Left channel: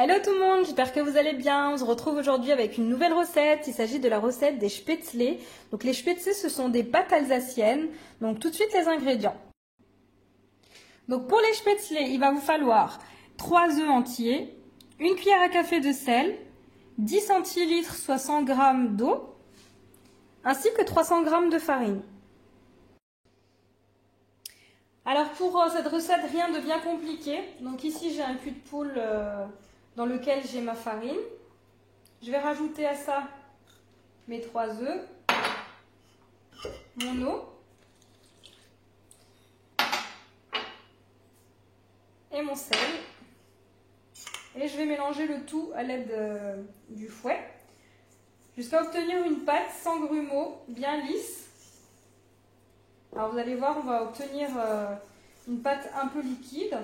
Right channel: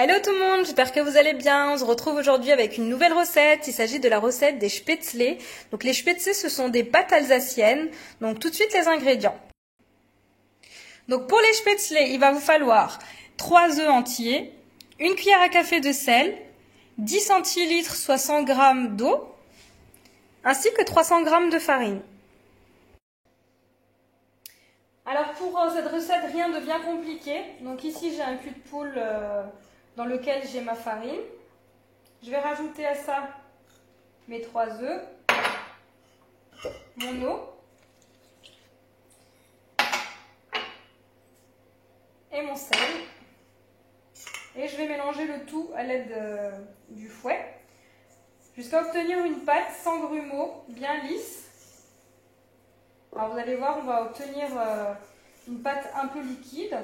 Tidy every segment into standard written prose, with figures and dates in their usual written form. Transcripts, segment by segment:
Hello tout le monde, j'espère que vous allez bien. On se retrouve aujourd'hui avec une nouvelle recette. Il s'agit de la recette des spätzle. Donc les spätzle, ce sont des pâtes alsaciennes. Donc tout de suite les ingrédients. Donc pour les spätzle, il va vous falloir 3 œufs entiers, une cuillère à café de sel, 10 centilitres soit 100 g d'eau, ainsi que 300 g de farine. Alors pour cette recette, rien de bien compliqué. Donc ici j'ai un cul de poule dans lequel j'ai ma farine. Je vais rajouter à ça mes 3 œufs, mon eau et mon sel. Et je vais mélanger le tout à l'aide du fouet jusqu'à obtenir une pâte sans grumeaux, bien lisse. Alors vous allez voir, on va obtenir une pâte un peu liquide.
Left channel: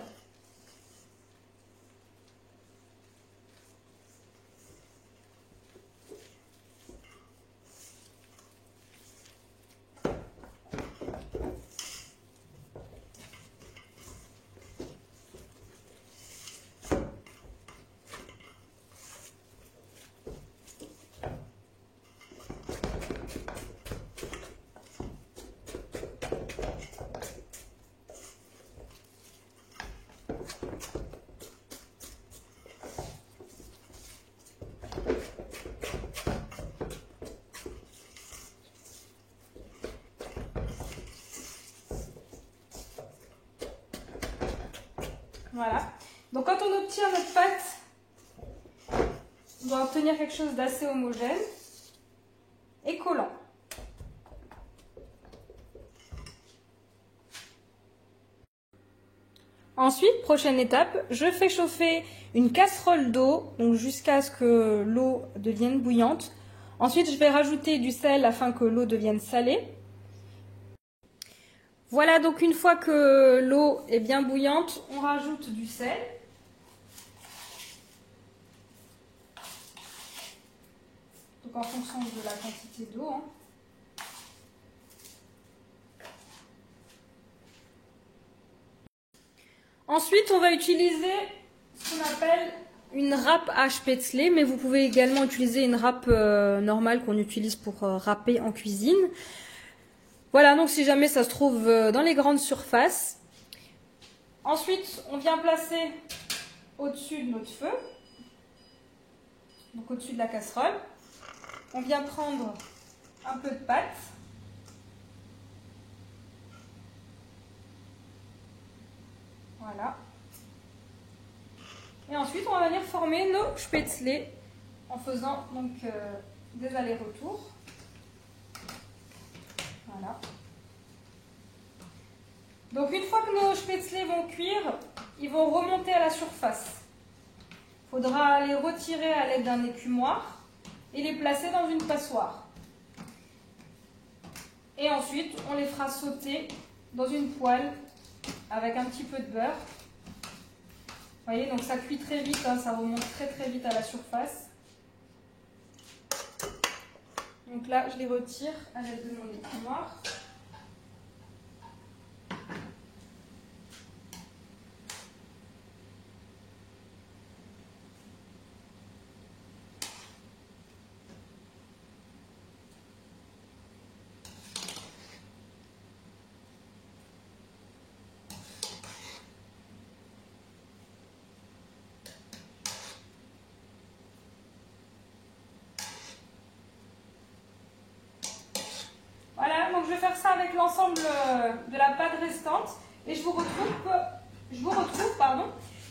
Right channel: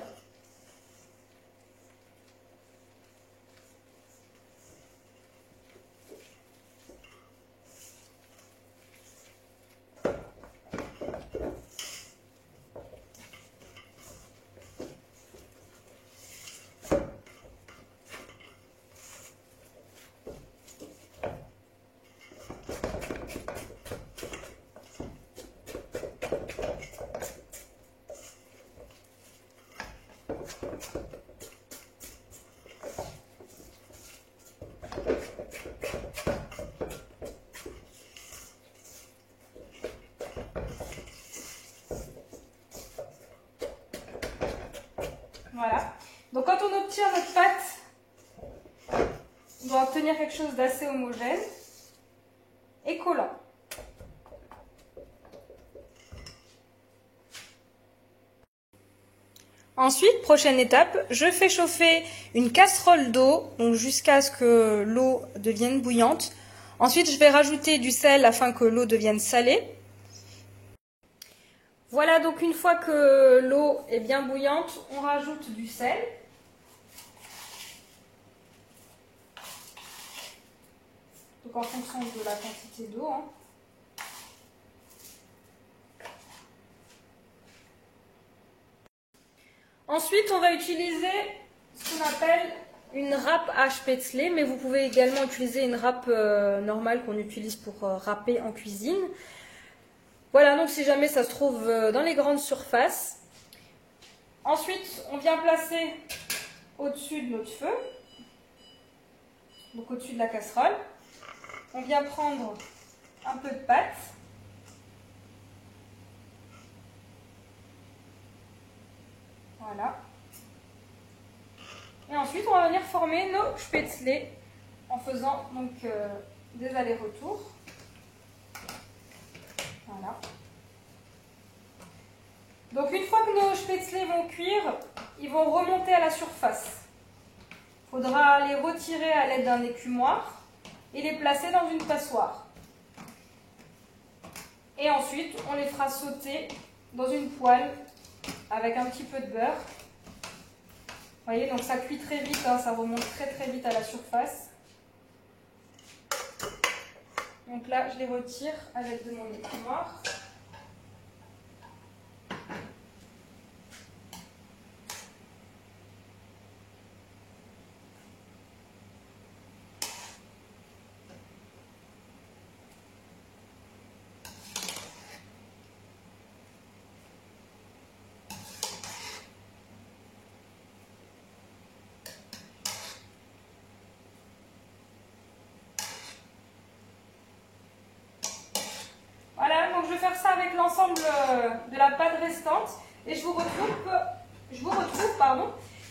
Voilà. Donc quand on obtient notre pâte, on doit obtenir quelque chose d'assez homogène et collant. Ensuite, prochaine étape, je fais chauffer une casserole d'eau, donc jusqu'à ce que l'eau devienne bouillante. Ensuite, je vais rajouter du sel afin que l'eau devienne salée. Voilà, donc une fois que l'eau est bien bouillante, on rajoute du sel. Donc en fonction de la quantité d'eau. Ensuite, on va utiliser ce qu'on appelle une râpe à spätzle, mais vous pouvez également utiliser une râpe normale qu'on utilise pour râper en cuisine. Voilà, donc si jamais ça se trouve dans les grandes surfaces. Ensuite, on vient placer au-dessus de notre feu, donc au-dessus de la casserole. On vient prendre un peu de pâte. Voilà. Et ensuite, on va venir former nos spätzle en faisant donc des allers-retours. Voilà. Donc une fois que nos spätzle vont cuire, ils vont remonter à la surface. Il faudra les retirer à l'aide d'un écumoire et les placer dans une passoire. Et ensuite, on les fera sauter dans une poêle avec un petit peu de beurre. Vous voyez, donc ça cuit très vite, ça remonte très très vite à la surface. Donc là, je les retire avec de mon écumoire. Donc je vais faire ça avec l'ensemble de la pâte restante et je vous retrouve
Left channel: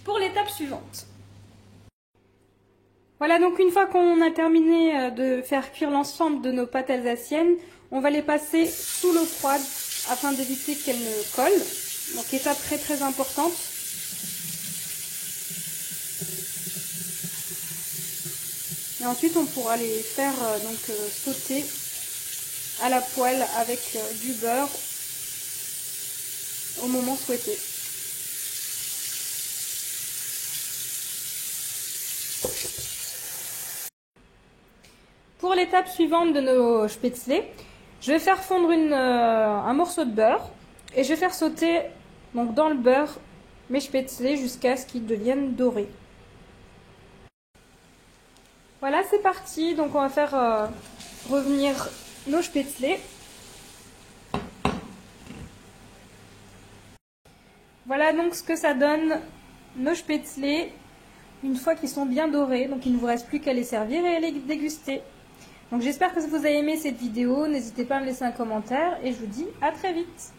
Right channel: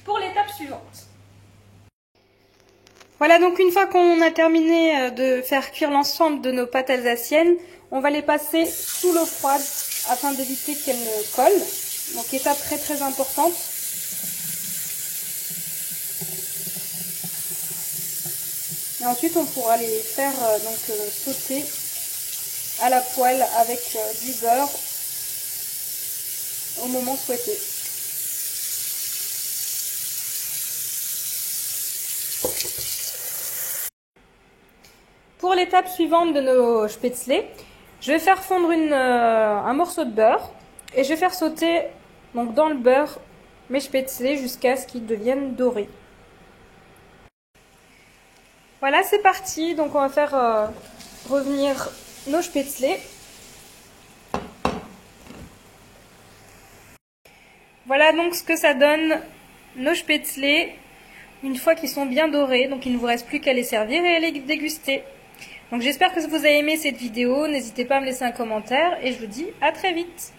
pour l'étape suivante. Voilà, donc une fois qu'on a terminé de faire cuire l'ensemble de nos pâtes alsaciennes, on va les passer sous l'eau froide afin d'éviter qu'elles ne collent. Donc étape très très importante. Et ensuite on pourra les faire sauter à la poêle avec du beurre au moment souhaité. Pour l'étape suivante de nos spätzle, je vais faire fondre un morceau de beurre et je vais faire sauter donc, dans le beurre mes spätzle jusqu'à ce qu'ils deviennent dorés. Voilà, c'est parti. Donc on va faire revenir nos spätzle. Voilà donc ce que ça donne nos spätzle une fois qu'ils sont bien dorés. Donc il ne vous reste plus qu'à les servir et à les déguster. Donc j'espère que vous avez aimé cette vidéo. N'hésitez pas à me laisser un commentaire et je vous dis à très vite.